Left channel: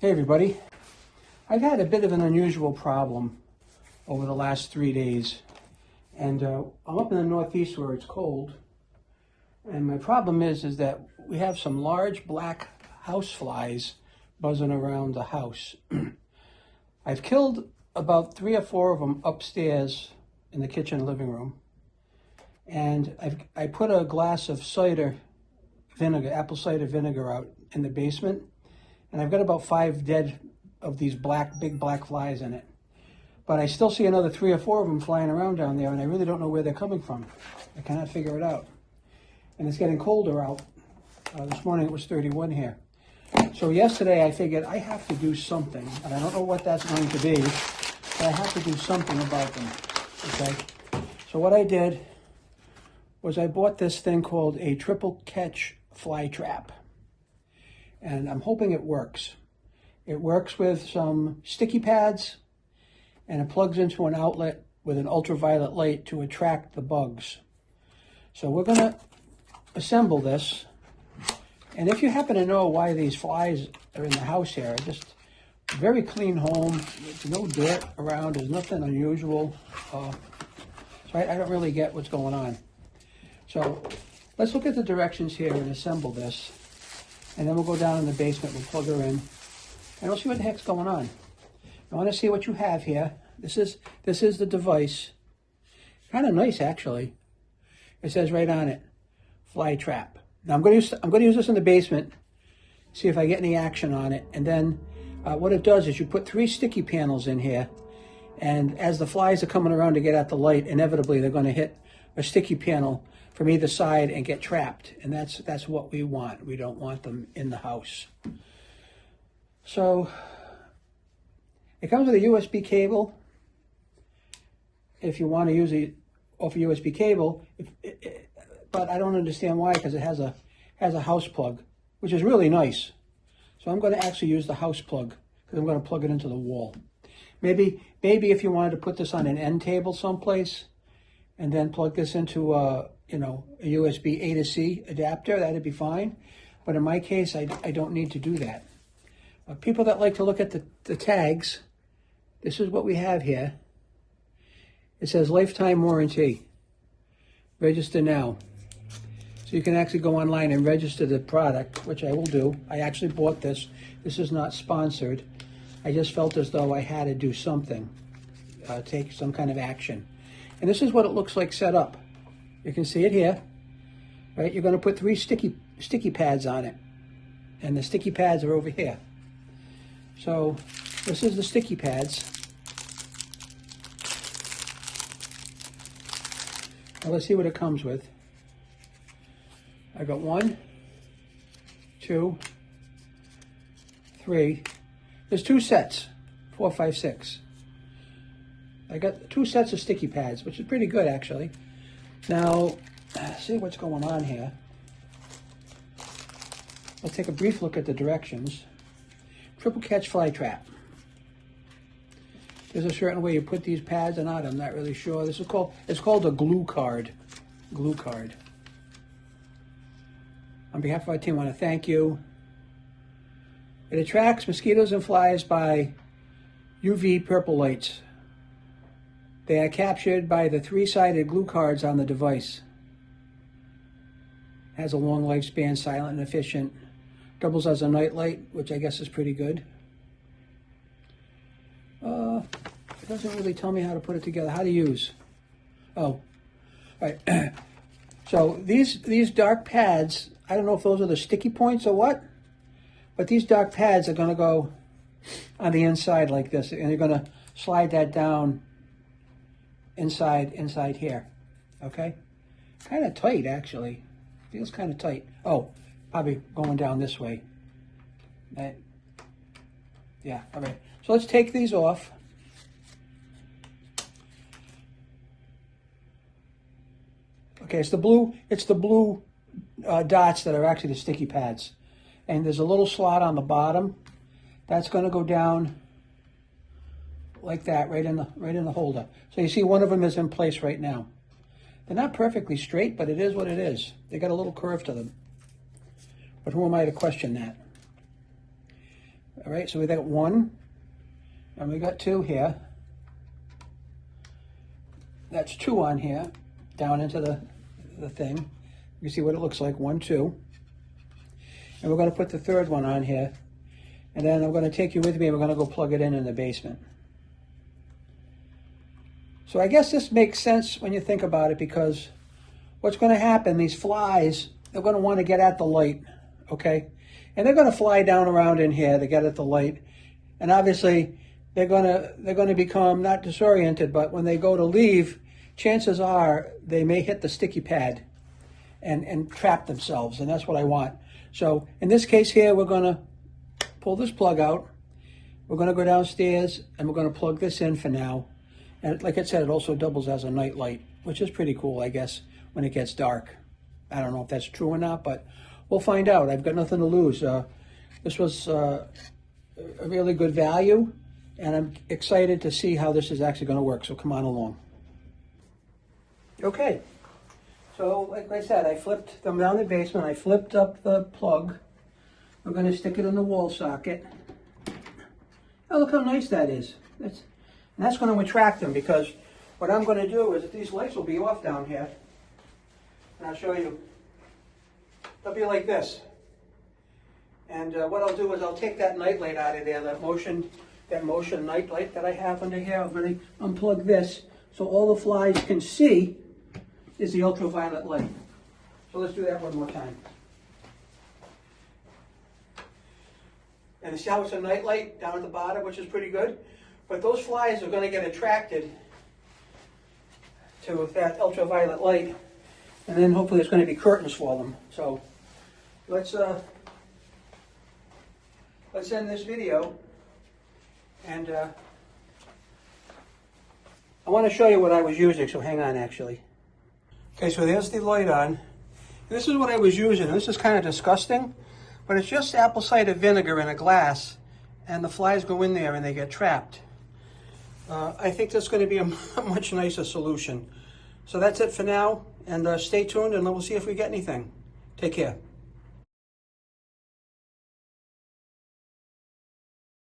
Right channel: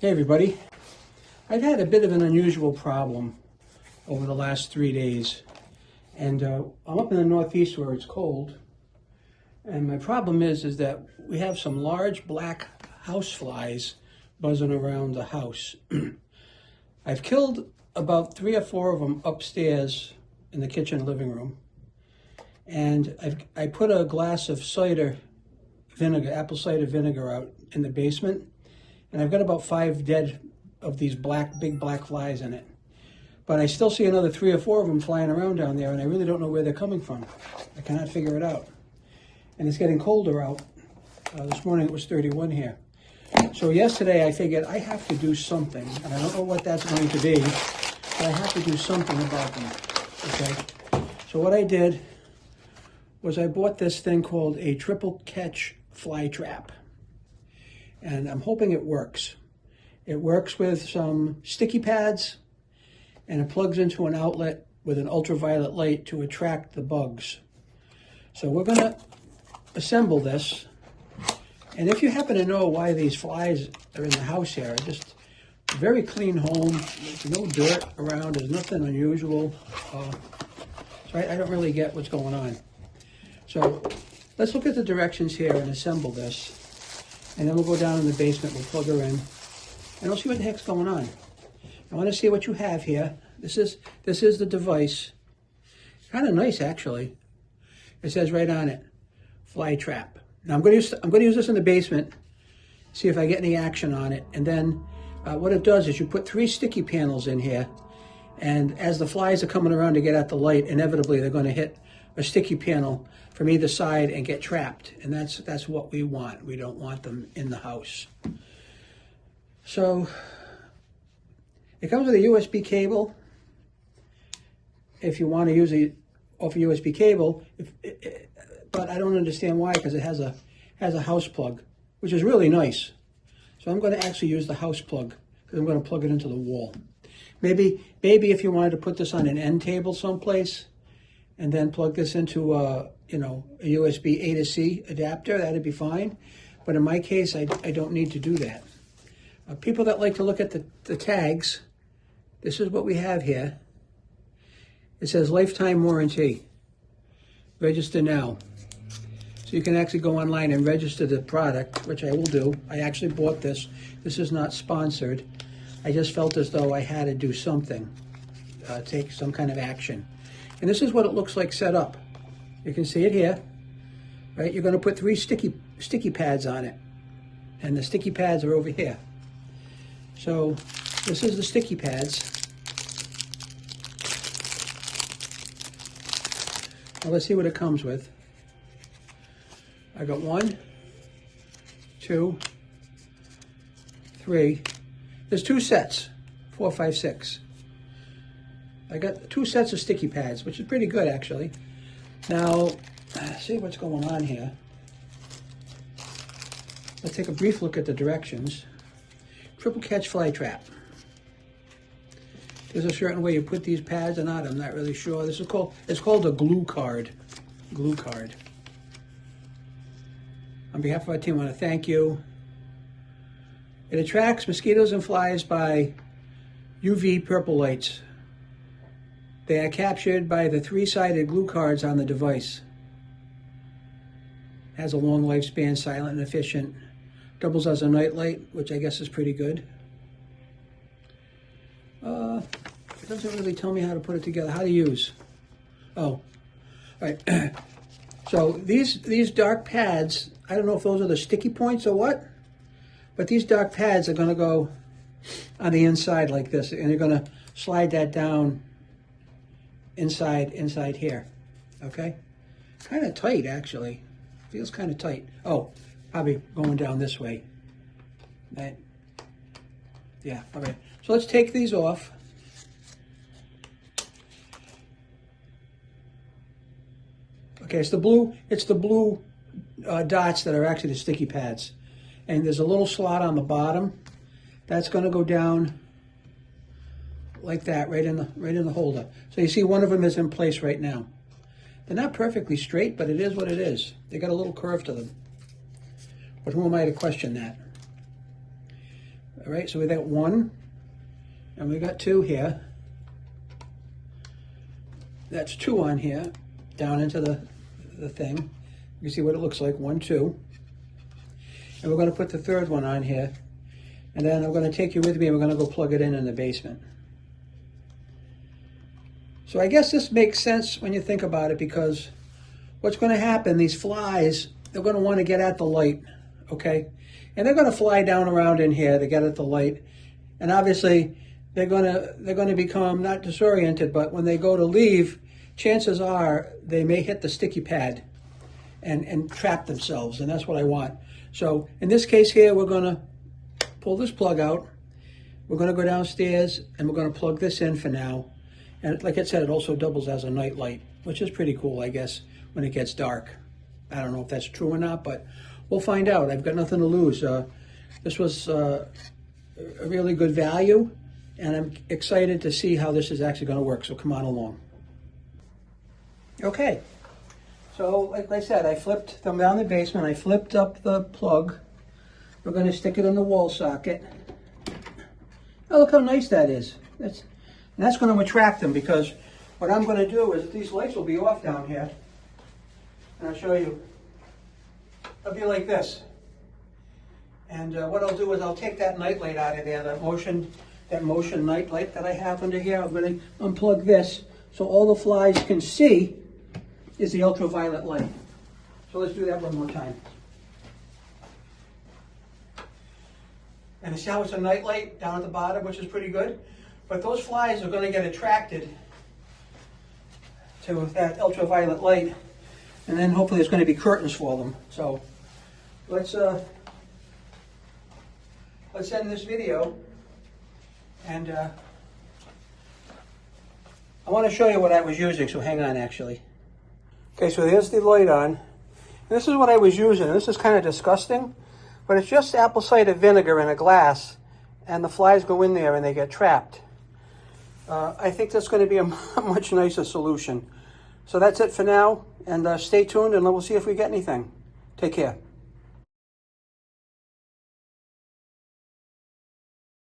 Hey everybody, I've had a bit of an unusual problem over the last 3 days, and I'm up in the Northeast where it's cold, and my problem is that we have some large black house flies buzzing around the house. I've killed about 3 or 4 of them upstairs in the kitchen living room, and I put a glass of cider vinegar, apple cider vinegar out in the basement, and I've got about 5 dead of these big black flies in it. But I still see another 3 or 4 of them flying around down there, and I really don't know where they're coming from. I cannot figure it out. And it's getting colder out. This morning it was 31 here. So yesterday I figured I have to do something, and I don't know what that's going to be, but I have to do something about them, okay? So what I did was I bought this thing called a triple catch fly trap. And I'm hoping it works. It works with some sticky pads, and it plugs into an outlet with an ultraviolet light to attract the bugs. So we're going to assemble this. And if you happen to know why these flies are in the house here, just a very clean home. There's no dirt around. There's nothing unusual. So I don't really get what's going on. So let's look at the directions here and assemble this. And then we'll go down in the basement, we'll plug her in, and we'll see what the heck's going on. I want to see what you have here. This is the device. Kind of nice, actually. It says right on it, fly trap. Now I'm going to use this in the basement, see if I get any action on it. And then what it does is you put 3 sticky panels in here, and as the flies are coming around to get at the light, inevitably they're going to hit a sticky panel from either side and get trapped, and that's what we want. We don't want them in the house. So it comes with a USB cable. If you want to use it off a USB cable, but I don't understand why, because it has a house plug, which is really nice. So I'm going to actually use the house plug because I'm going to plug it into the wall. Maybe if you wanted to put this on an end table someplace, and then plug this into a USB A to C adapter, that'd be fine. But in my case, I don't need to do that. People that like to look at the tags, this is what we have here. It says lifetime warranty. Register now. So you can actually go online and register the product, which I will do. I actually bought this. This is not sponsored. I just felt as though I had to do something, take some kind of action. And this is what it looks like set up. You can see it here, right? You're going to put 3 sticky pads on it, and the sticky pads are over here. So this is the sticky pads. Well, let's see what it comes with. I got 1, 2, 3. There's 2 sets, 4, 5, 6. I got 2 sets of sticky pads, which is pretty good, actually. Now, let's see what's going on here. Let's take a brief look at the directions. Triple catch fly trap. There's a certain way you put these pads or not, I'm not really sure. It's called a glue card. Glue card. On behalf of our team, I want to thank you. It attracts mosquitoes and flies by UV purple lights. They are captured by the 3-sided glue cards on the device. Has a long lifespan, silent and efficient. Doubles as a night light, which I guess is pretty good. It doesn't really tell me how to put it together, how to use. Oh, all right. So these dark pads, I don't know if those are the sticky points or what, but these dark pads are going to go on the inside like this, and you're going to slide that down inside here, okay? Kind of tight, actually. Feels kind of tight. Oh, probably going down this way, right? Yeah, okay. So let's take these off. Okay, it's the blue dots that are actually the sticky pads, and there's a little slot on the bottom that's going to go down like that, right in the holder. So you see one of them is in place right now. They're not perfectly straight, but it is what it is. They got a little curve to them. But who am I to question that? All right, so we got one, and we got two here. That's two on here, down into the thing. You see what it looks like, 1, 2. And we're going to put the third one on here. And then I'm going to take you with me and we're going to go plug it in the basement. So I guess this makes sense when you think about it, because what's going to happen, these flies, they're going to want to get at the light, okay? And they're going to fly down around in here to get at the light. And obviously, they're going to become not disoriented, but when they go to leave, chances are they may hit the sticky pad and trap themselves, and that's what I want. So in this case here, we're going to pull this plug out. We're going to go downstairs and we're going to plug this in for now. And like I said, it also doubles as a night light, which is pretty cool, I guess, when it gets dark. I don't know if that's true or not, but we'll find out. I've got nothing to lose. This was a really good value, and I'm excited to see how this is actually going to work, so come on along. Okay, so like I said, I flipped them down the basement. I flipped up the plug. We're going to stick it in the wall socket. Oh, look how nice that is. And that's going to attract them, because what I'm going to do is these lights will be off down here. And I'll show you. They'll be like this. And what I'll do is I'll take that night light out of there, that motion night light that I have under here. I'm going to unplug this so all the flies can see is the ultraviolet light. So let's do that one more time. And you see how it's a night light down at the bottom, which is pretty good? But those flies are going to get attracted to that ultraviolet light, and then hopefully there's going to be curtains for them. So let's end this video, and I want to show you what I was using, so hang on actually. Okay, so here's the light on. This is what I was using. This is kind of disgusting, but it's just apple cider vinegar in a glass, and the flies go in there and they get trapped. I think that's going to be a much nicer solution. So that's it for now, and stay tuned and we'll see if we get anything. Take care.